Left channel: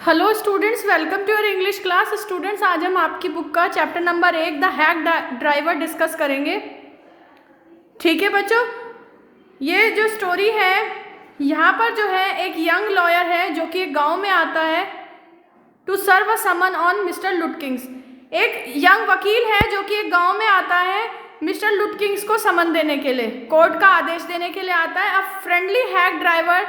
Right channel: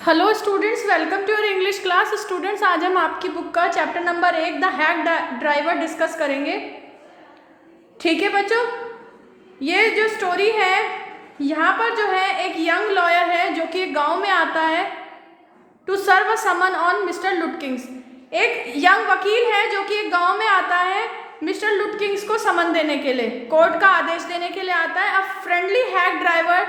Hello students, welcome to your English class. Students, आज हम आपकी बुक का chapter number 1 the hack driver discuss करेंगे। ठीक है बच्चों, ये जो स्टोरी है यहाँ पर जो है एक यंग लॉयर है जो कि एक गांव में आता है to serve a summons on Mr Lutkins. एक यंग वकील है जो कि एक गांव में आता है मिस्टर लुटकिंग्स को समन देने के लिए, कोर्ट का आदेश देने के लिए आता है। A friendly hack driver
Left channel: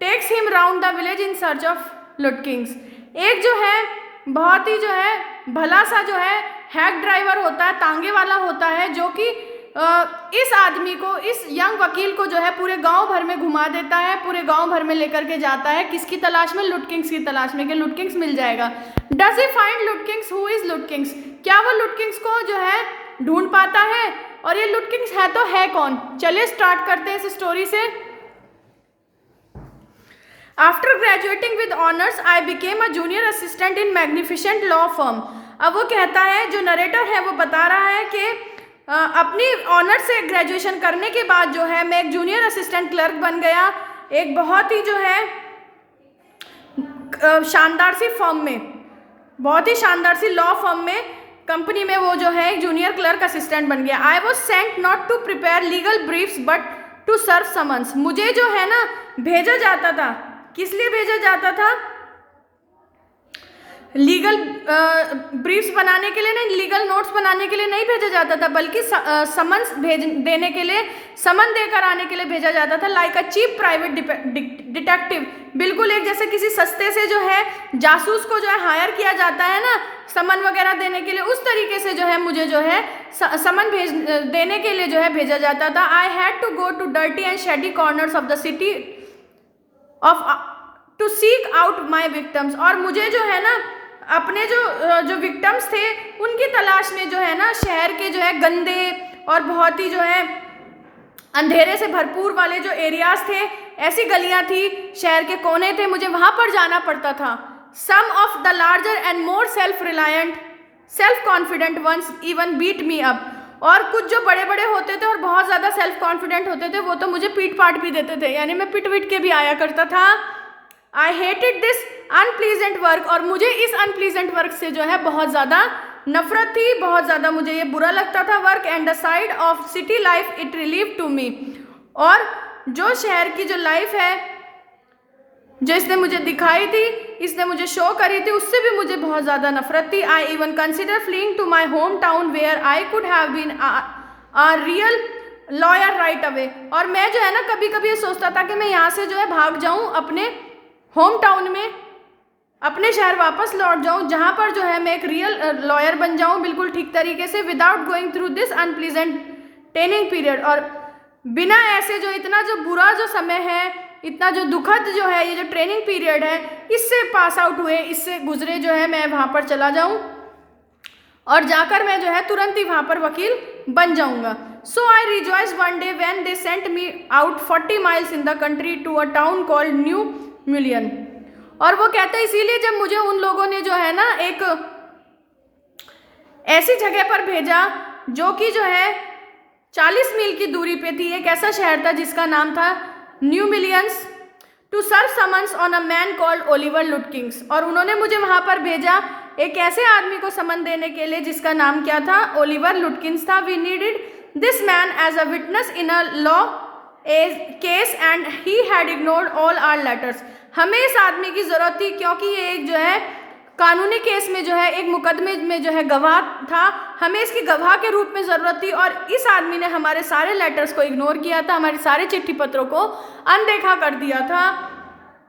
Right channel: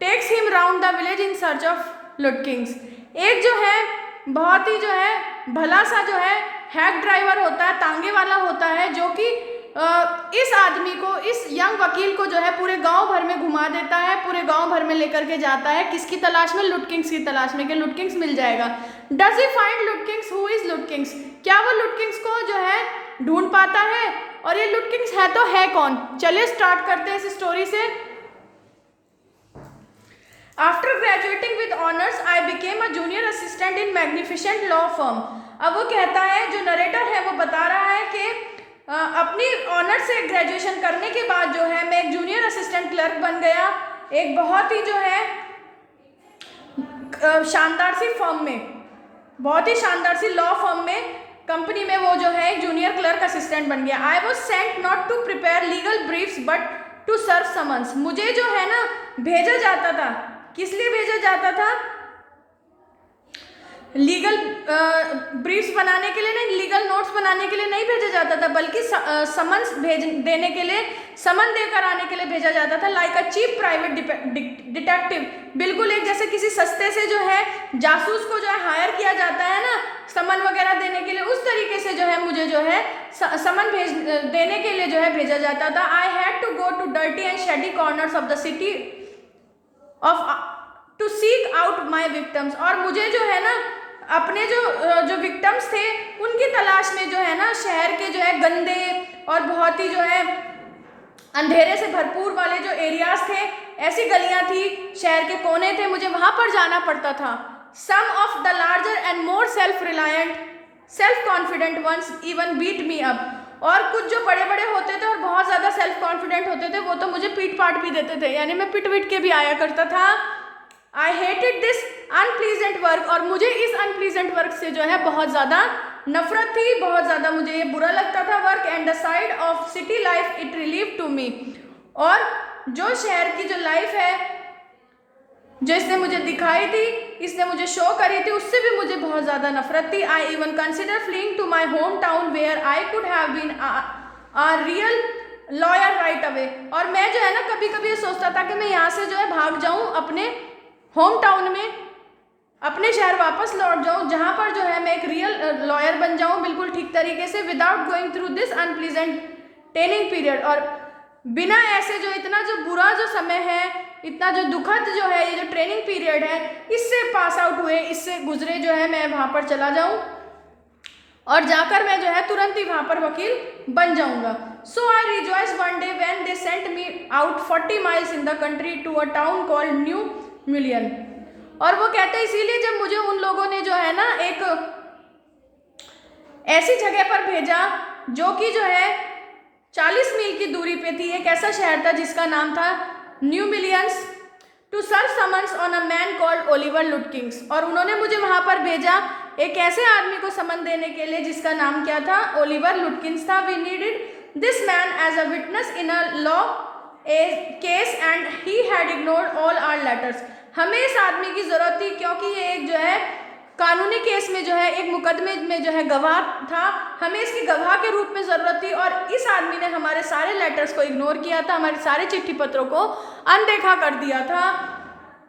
takes him round the village in search of Lutkins. एक जो है बहुत ही जो है भला सा जो है हैक ड्राइवर होता है, तांगे वाला होता है, जो कि इस आदमी को, इस यंग वकील को जो है पूरे गांव भर में घुमा देता है, पूरे गांव भर में लेकर के जाता है। किसकी तलाश में? लुटकिंग्स की तलाश में, कि लुटकिंग्स मिल जाएगा। Does he find लुटकिंग्स? Who is लुटकिंग्स? क्या वो लुटकिंग्स को जो है ढूंढ पाता है? और ये लुटकिंग्स है तो है कौन? चलिए स्टार्ट करते हैं इस स्टोरी से। After graduating with honors, I became a junior assistant in magnificent law firm. अब वो कहता है, जो नरेटर है वो बता रहा है कि अपनी ऑनर से ग्रेजुएशन करने के बाद जो है मैं एक जूनियर असिस्टेंट क्लर्क बन गया, एक बहुत ही जो है शानदार सी फर्म में, बहुत ही शानदार सी लॉ फर्म में, कंपनी में वो जो है एक जूनियर क्लर्क असिस्टेंट बन गया। I was sent not to prepare legal briefs but to serve summons. मुझे जो है ना भेजा जाता था, किस लिए भेजा जाता था? लीगल ब्रीफ्स बनाने के लिए नहीं, लीगल नोट्स बनाने के लिए नहीं भेजा जाता था, बल्कि समन्स देने के लिए, समन देकर आने के लिए भेजा जाता था। Like a cheap private detective, बिल्कुल एक जैसे किसी सस्ते से जो है जासूस को जो है हायर किया जाता है ना समन वगैरह देने के लिए, उस तरीके से जो है मुझे जो है समन देने के लिए जो है भेजा जाता था। I had to go to dirty and shady corners of the city of to seek out my victims. और मुझे जो है ना अपने जो विक्टम्स थे उनकी तलाश में जो है ना शहर के जो है गंदे और बहुत ही जो है अंधेरे से भरपूर वाले जो एरियाज थे, ऐसी गलियां थी, शहर के कोने थे, मुझे वहां पर जाना पड़ता था। Some of the larger and more self reliant self confident ones even beat me up. और कुछ जो बड़े बड़े होते थे और बहुत ज़्यादा सेल्फ कॉन्फिडेंट होते थे वो तो मुझे पीट पाट भी देते थे, यानी मैं पिट विट के भी आया करता था। I hated this unpleasant work. और मुझे इस अनप्लीजेंट वर्क से जो है बहुत ज़्यादा नफरत थी, बहुत ज़्यादा मुझे ये बुरा लगता था। Work and the side of city life it relieve to me. और जो शहर की जो लाइफ है जो इसने मुझे दिखाई थी, इसने मुझे शो करी थी, उससे भी मुझे बहुत ज़्यादा नफरत थी। I even consider fleeing to my home town where I could have been a real lawyer right away. और मैं जो है ना कभी कभी ये सोचता था कि मैं यहाँ से जो है भाग जाऊँ, अपने होम टाउन में, अपने शहर वापस लौट जाऊँ, जहाँ पर जो है मैं एक रियल लॉयर बन जाऊँ बिल्कुल ठीक तरीके से, without going through this unpleasant training period. और बिना ऐसे जो इतना जो बुरा जो समय है, इतना जो दुखद जो है ये जो ट्रेनिंग पीरियड है, इससे पास आउट हुए, इससे गुजरे जो है मैं वहाँ पर चला जाऊँ और जाकर मैं जो है तुरंत ही वहाँ पर वकील बन जाऊँगा। So I rejoice one day when they sent me out 40 miles in the country to a town called New Million. और वो कहते हैं इसीलिए जब मुझे उन लोगों ने जो है ना एक ऐसी जगह पर भेजा जो कि जो है 40 मील की दूरी पे थी, एक ऐसा शहर था जिसका नाम था New Mullions, to serve summons on a man called Oliver Lutkins. और उन्होंने मुझे वहाँ पर भेजा एक ऐसे आदमी को समन देने के लिए जिसका नाम क्या था? ओलिवर लुटकिंग्स था। We needed this man as a witness in a law case and he had ignored all our letters. हमें इस आदमी की ज़रूरत थी क्योंकि ये एक जो है कानूनी केस में जो है एक मुकदमे में जो है गवाह था, हमें इसकी गवाह के रूप में ज़रूरत थी। और इस आदमी ने हमारे सारे लेटर्स को इग्नोर किया था, हमारे सारे चिट्ठी पत्रों को अनदेखा कर दिया था।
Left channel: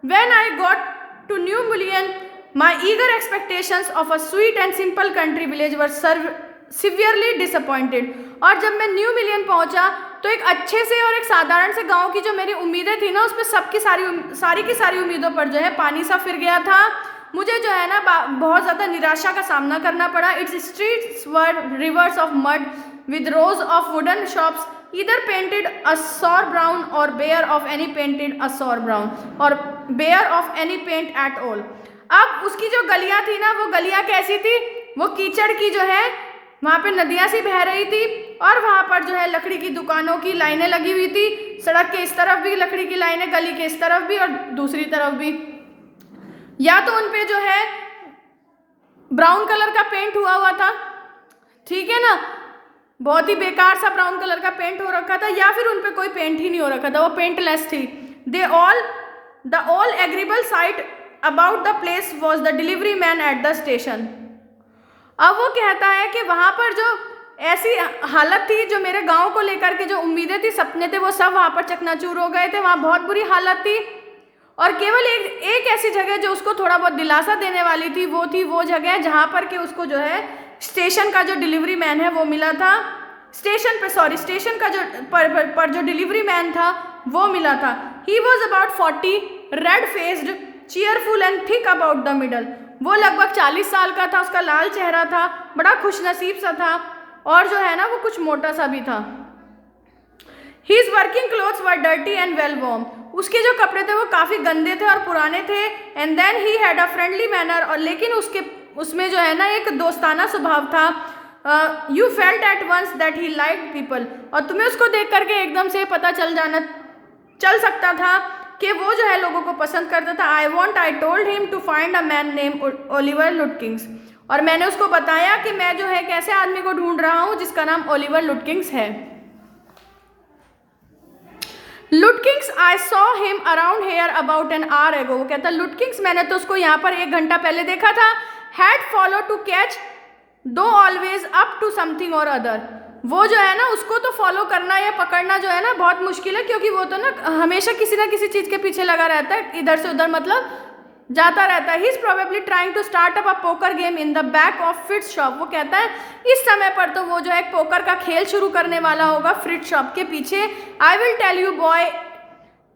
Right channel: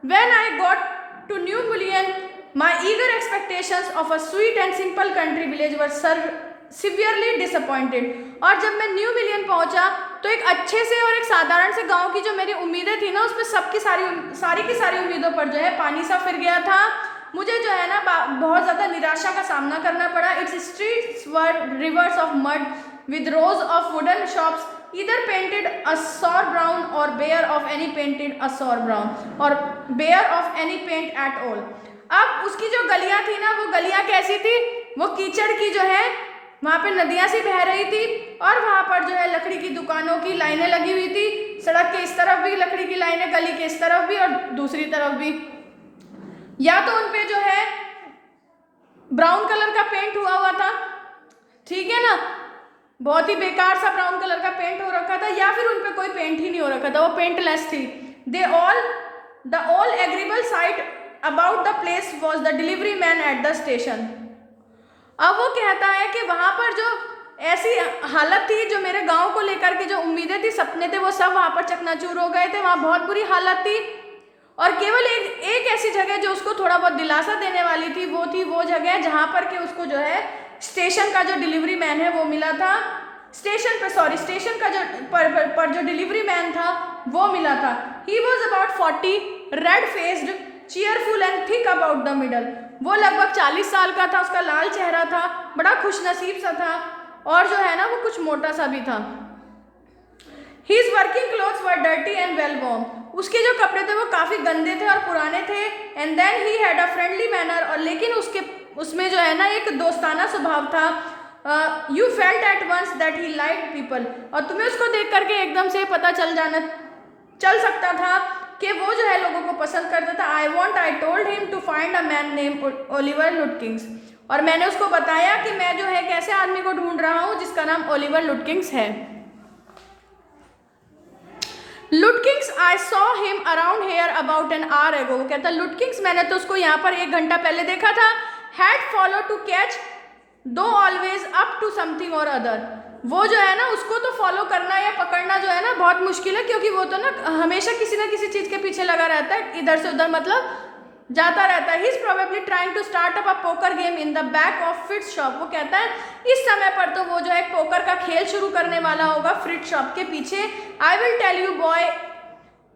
When I got to New Million, my eager expectations of a sweet and simple country village were severely disappointed. और जब मैं न्यू मिलियन पहुंचा तो एक अच्छे से और एक साधारण से गांव की जो मेरी उम्मीदें थी ना, उसमें सबकी सारी की सारी उम्मीदों पर जो है पानी सा फिर गया था। मुझे जो है ना बहुत ज़्यादा निराशा का सामना करना पड़ा। Its streets were rivers of mud with rows of wooden shops either painted a sour brown or bare of any painted a sour brown or bare of any paint at all. अब उसकी जो गलियां थी ना, वो गलियां कैसी थी? वो कीचड़ की जो है, वहाँ पे नदियाँ सी बह रही थी और वहाँ पर जो है लकड़ी की दुकानों की लाइनें लगी हुई थी। सड़क के इस तरफ भी लकड़ी की लाइनें, गली के इस तरफ भी और दूसरी तरफ भी। या तो उन पे जो है ब्राउन कलर का पेंट हुआ हुआ था, ठीक है ना, बहुत ही बेकार सा ब्राउन कलर का पेंट हो रखा था, या फिर उन पे कोई पेंट ही नहीं हो रखा था, वो पेंटलेस थी। The all agreeable site about the place was the delivery man at the station. अब वो कहता है कि वहाँ पर जो ऐसी हालत थी, जो मेरे गांव को लेकर के जो उम्मीदें थी, सपने थे, वो सब वहाँ पर चकनाचूर हो गए थे। वहाँ बहुत बुरी हालत थी और केवल एक ऐसी जगह जो उसको थोड़ा बहुत दिलासा देने वाली थी, वो थी वो जगह जहाँ पर कि उसको जो है स्टेशन का जो डिलीवरी मैन है वो मिला था। स्टेशन का जो पर जो डिलीवरी मैन था वो मिला था। He was about 40, red faced, cheerful and thick about the middle. वो लगभग 40 साल का था, उसका लाल चेहरा था, बड़ा खुशनसीब सा था और जो है ना वो कुछ मोटा सा भी था। His working clothes were dirty and well worn. उसके जो कपड़े थे वो काफ़ी गंदे थे और पुराने थे। And then he had a friendly manner, और लेकिन उसमें जो है ना एक दोस्ताना स्वभाव था। You felt at once that he liked people, और तुम्हें उसको देख करके एकदम से पता चल सकता था कि वो जो है लोगों को पसंद करता था। I told him to find a man named Oliver Lutkiंस, और मैंने उसको बताया कि मैं जो है कैसे आदमी को ढूंढ रहा हूँ जिसका नाम ओलिवर लुटकिंस है। लुटकिंस, I saw him around hair about an hour एगो। वो कहता लुटकिंस, मैंने तो उसको यहाँ पर 1 घंटा पहले देखा था। हैड फॉलो टू कैच दो ऑलवेज अप टू समथिंग और अदर। वो जो है ना उसको तो फॉलो करना या पकड़ना जो है ना बहुत मुश्किल है, क्योंकि वो तो ना हमेशा किसी ना किसी चीज़ के पीछे लगा रहता है, इधर से उधर मतलब जाता रहता है। He is probably trying to start up a poker game in the back of Fritz's shop. वो कहता है इस समय पर तो वो जो है पोकर का खेल शुरू करने वाला होगा फ्रिट्स शॉप के पीछे। I will tell you boy,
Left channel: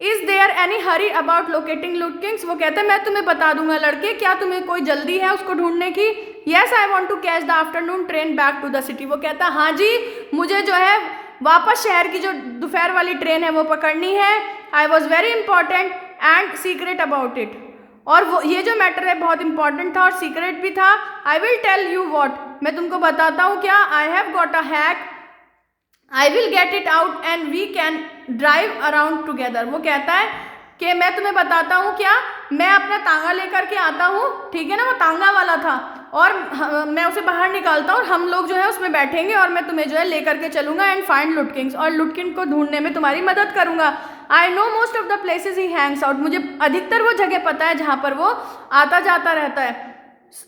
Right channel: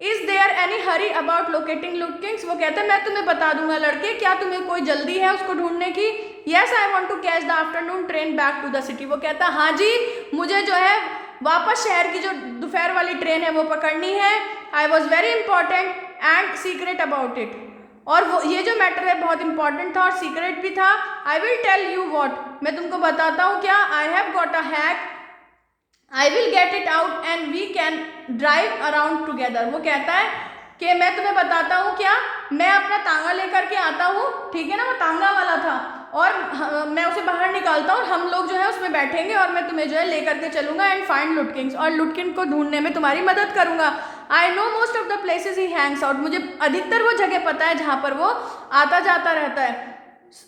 is there any hurry about locating Lutkins. वो कहते हैं मैं तुम्हें बता दूंगा लड़के, क्या तुम्हें कोई जल्दी है उसको ढूंढने की। Yes, I want to catch the afternoon train back to the city. वो कहता हाँ जी, मुझे जो है वापस शहर की जो दोपहर वाली ट्रेन है वो पकड़नी है। I was very important and secret about it, और वो ये जो मैटर है बहुत इंपॉर्टेंट था और सीक्रेट भी था। I will tell you what, मैं तुमको बताता हूँ क्या। I have got a hack, I will get it out and we can drive around together. वो कहता है कि मैं तुम्हें बताता हूँ क्या, मैं अपना तांगा लेकर के आता हूँ, ठीक है ना, वो तांगा वाला था, और मैं उसे बाहर निकालता हूँ और हम लोग जो है उसमें बैठेंगे और मैं तुम्हें जो है लेकर के चलूँगा एंड फाइंड लुटकिंस, और लुटकिन को ढूंढने में तुम्हारी मदद करूँगा। I know most of the places he Hanks out. मुझे अधिकतर वो जगह पता है जहाँ पर वो आता जाता रहता है।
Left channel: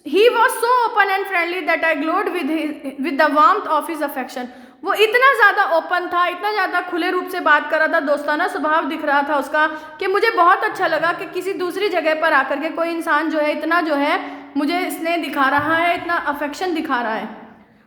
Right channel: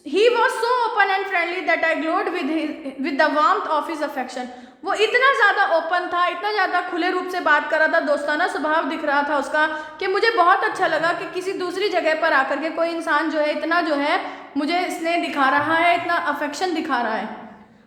He was so open and friendly that I glowed with the warmth of his affection. वो इतना ज़्यादा ओपन था, इतना ज़्यादा खुले रूप से बात कर रहा था, दोस्ताना स्वभाव दिख रहा था उसका, कि मुझे बहुत अच्छा लगा कि किसी दूसरी जगह पर आकर के कोई इंसान जो है इतना जो है मुझे स्नेह दिखा रहा है, इतना अफेक्शन दिखा रहा है,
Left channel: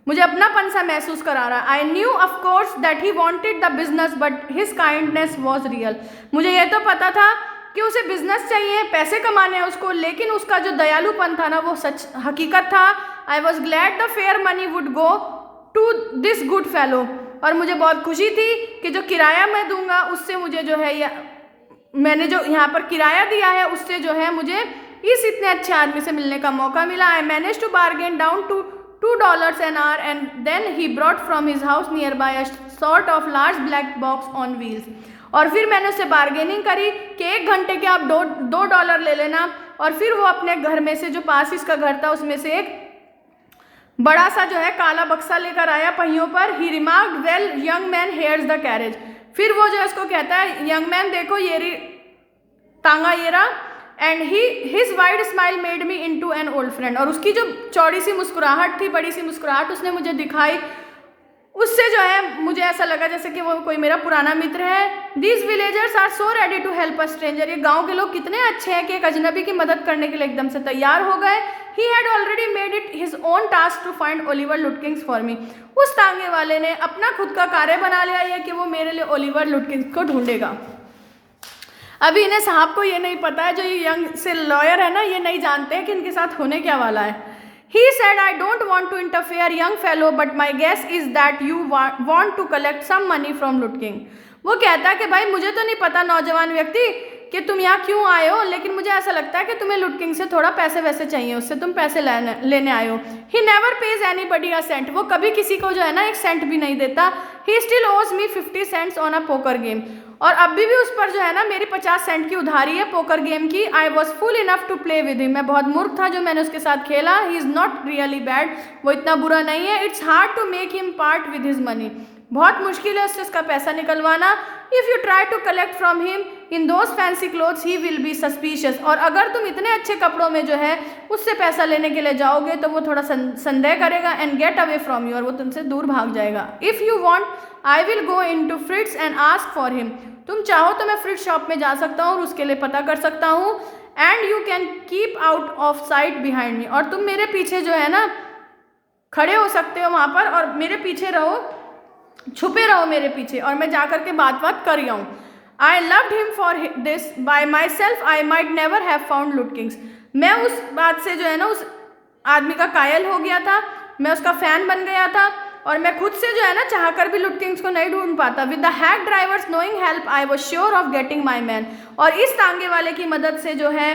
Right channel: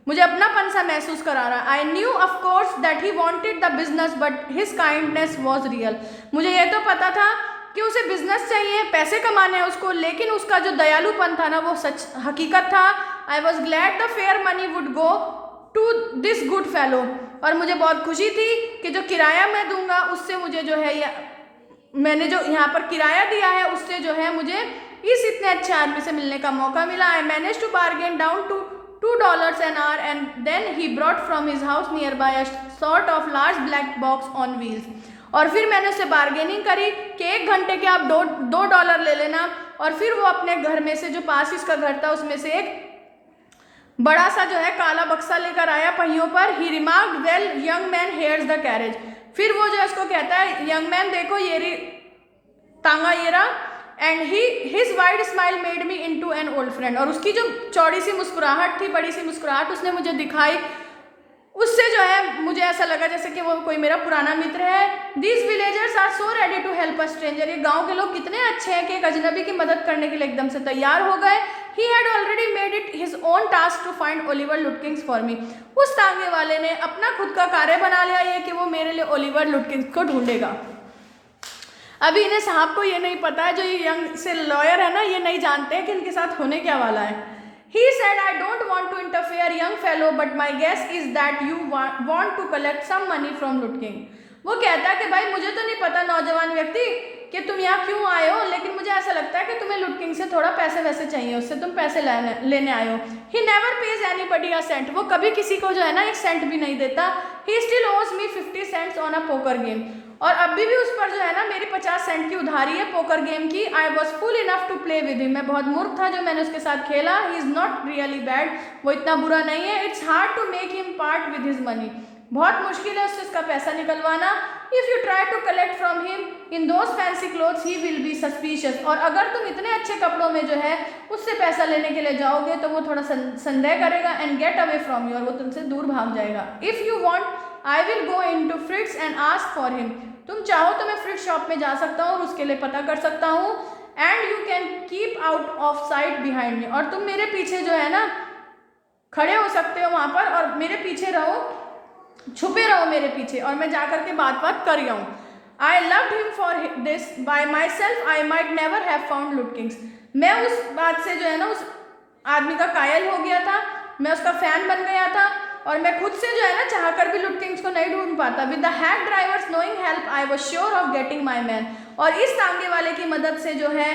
मुझे अपनापन सा महसूस करा रहा है। I knew of course that he wanted the business but his kindness was real. मुझे ये तो पता था कि उसे बिजनेस चाहिए, पैसे कमाने हैं उसको, लेकिन उसका जो दयालुपन था ना वो सच हकीकत था। I was glad the fare money would go to this good fellow, और मुझे बहुत खुशी थी कि जो किराया मैं दूंगा उससे मुझे जो है मैंने जो यहाँ पर किराया दिया है उससे जो है मुझे इस इतने अच्छे आदमी से मिलने का मौका मिला। I manage to bargain down to $2 an hour and then he brought from his house nearby a sort of large black box on wheels। और फिर मैंने उससे बार्गेनिंग करी कि 1 घंटे के आप $2 ले लेना, और फिर वो अपने घर में से जो पास इसका घर था उसमें से एक बड़ा सा जो है काला बक्सा लेकर आया पहियों पर। He remarked well young man here's the carriage. फिर वो जो है उसको कहता है यंग मैन देखो ये रही तांगा ये रहा, and his wide smile made me into an old friend. और उसकी जो चौड़ी सी मुस्कुराहट थी, बड़ी सी मुस्कुराहट उसने मुझे दिखाई, उससे जो है मुझे ऐसा लगा जैसे कि वो कोई मेरा पुराना मित्र है। These villagers are so ready to help a stranger. ये गांव के लोग कितने अच्छे हैं कि एक अजनबी की मदद करने के लिए एकदम से तैयार हो गए। He had already made it his own task to find Oliver Lutkins for me. उस तांगे वाले ने अपना खुद का कार्य बना लिया ये कि वो मेरे लिए ओलिवर लुटकिंस को ढूंढेगा। अभी इन्हें साहब को ये नहीं पता है, जो ये यंग से लॉयर है ना, ये नहीं जानते हैं कि इनके साथ होने क्या वाला है। He said, I don't want to interfere, young fellow, but my guess is that you want to collect some money from Lutking। वो कहता है कि भाई मुझे तो नहीं पता नौजवान व्यक्ति कि तुम यहाँ क्यों आए हो, लेकिन मुझे ऐसा लगता है कि तुम्हें लुटकिंग से थोड़ा पैसे वैसे चाहिए, उससे तुम पैसे लेने आए हो। He never pays anybody a cent। वो कभी किसी को जो है ना 1 सेंट भी नहीं देता। He still owes me 50 cents on a poker game। और अभी भी उस पर जो है ना मेरी 50 सेंट की उधारी है पोकर गेम की। I was fool enough to play with him, मैं बहुत मूर्ख था जो मैंने उसके साथ खेला। He is not really bad, वो इतना बुरा नहीं है। It's hard to make him part with his money, बहुत मुश्किल है उससे उसका पैसा निकलवाना। If you try to collect from him in those fancy clothes he will be suspicious, और अगर तुम इतने अच्छे कपड़ों में जो है उससे पैसा लेने के लिए जाओगे तो वो थोड़ा संदेह करेगा। And get away from you, और वो तुमसे दूर भाग जाएगा। If you want I will go in to Fritz and ask for him, तुम चाहो तो मैं फ्रिट्स शॉप में जा सकता हूँ और उसके लिए पता कर सकता हूँ। And you can keep out of site behind me, और तुम मेरे पीछे जो है ना खड़े हो सकते हो वहाँ पर, और मेरे पीछे रहो, छुपे रहो मेरे पीछे, और मैं जा कर के बात कर आऊँ। I loved him for this by my self, I might never have found लुटकिंग्स, मैं उस बात से जो है ना उस आदमी का कायल हो गया था, मैं उसका फ़ैन बन गया था, और मैं खुद से जो है ना चाह कर भी लुटकिंग्स को नहीं ढूंढ पाता। With the hack drivers knowing help I was sure of getting my man, और इस तांगे वाले की मदद से जो है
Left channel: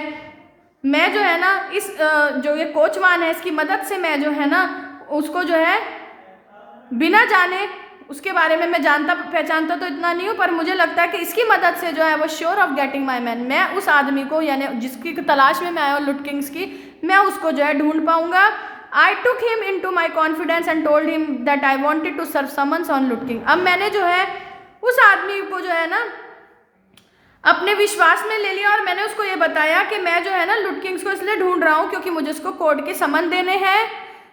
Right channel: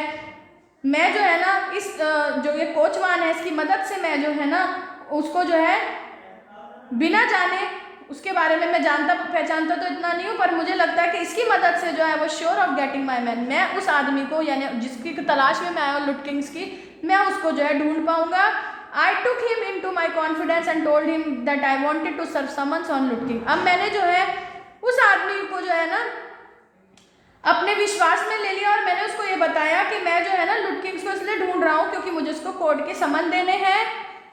मैं जो है ना इस जो ये कोचवान है इसकी मदद से मैं जो है ना उसको जो है बिना जाने, उसके बारे में मैं जानता पहचानता तो इतना नहीं हूँ, पर मुझे लगता है कि इसकी मदद से जो है वो sure of getting my man, मैं उस आदमी को यानी जिसकी तलाश में मैं आया हूँ लुटकिंग्स की, मैं उसको जो है ढूंढ पाऊंगा। I took him into my confidence and told him that I wanted to serve summons on Lutking, अब मैंने जो है उस आदमी को जो है ना अपने विश्वास में ले लिया, और मैंने उसको ये बताया कि मैं जो है ना लुटकिंग्स को इसलिए ढूंढ रहा हूँ क्योंकि मुझे उसको कोर्ट के समन देने हैं।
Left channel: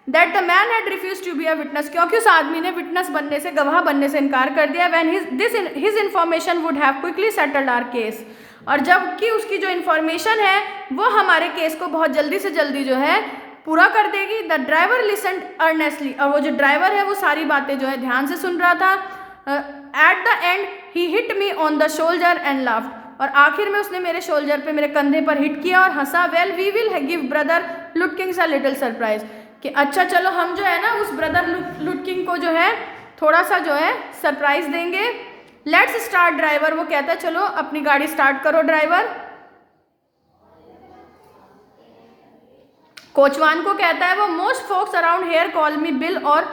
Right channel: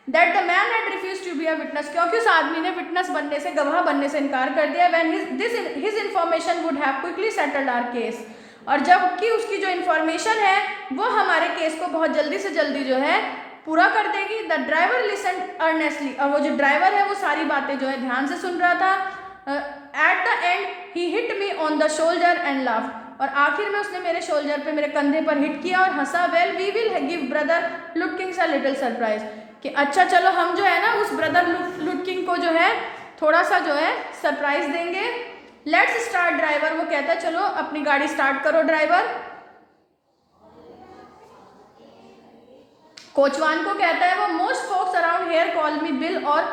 That the man had refuse to be a witness, क्योंकि उस आदमी ने विटनेस बनने से, गवाह बनने से इनकार कर दिया। When his information would have quickly settled our case, और जबकि उसकी जो इन्फॉर्मेशन है वो हमारे केस को बहुत जल्दी से जल्दी जो है पूरा कर देगी। द ड्राइवर लिसन्ड अर्नेस्टली, और वो जो ड्राइवर है वो सारी बातें जो है ध्यान से सुन रहा था। At the and he hit me on the shoulder and laughed, और आखिर में उसने मेरे शोल्डर पे, मेरे कंधे पर हिट किया और हंसा। Well we will give brother Lutkings a little surprise, कि अच्छा चलो हम जो है ना उस ब्रदर लुटकिंग को जो है थोड़ा सा जो है सरप्राइज देंगे। लेट्स स्टार्ट ड्राइवर, वो कहता है चलो अपनी गाड़ी स्टार्ट करो ड्राइवर। कोचवान को कहता है वो, most folks around here call me Bill or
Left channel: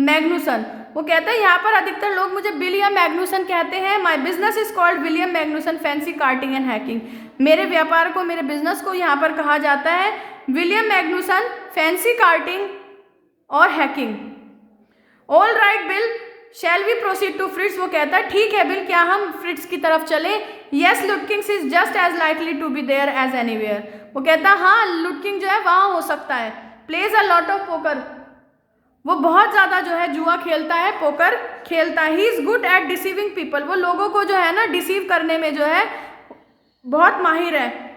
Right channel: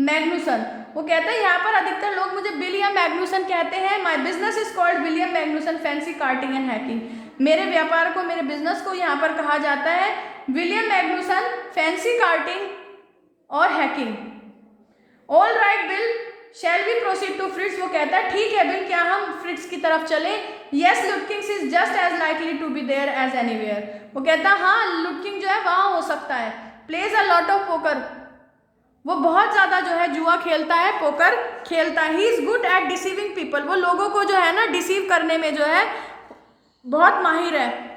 Magnuson, वो कहता है यहाँ पर अधिकतर लोग मुझे बिल या मैग्नुसन कहते हैं। My business is called William मैग्नुसन fancy carting and hacking, मेरे व्यापार को, मेरे बिजनेस को यहाँ पर कहा जाता है विलियम मैग्नुसन फैंसी कार्टिंग और hacking. All right Bill, shall we proceed to Fritz, वो कहता है ठीक है बिल, क्या हम फ्रिट्स की तरफ चले। Yes Lutkins is just as likely to be there as anywhere, वो कहता है हाँ लुटकिंग जो है वहाँ हो सकता है। Plays a lot of poker, वो बहुत ज़्यादा जो है जुआ खेलता है, पोकर खेलता है। He is good at deceiving people, वो लोगों को जो है ना डिसीव करने में जो है बहुत माहिर है।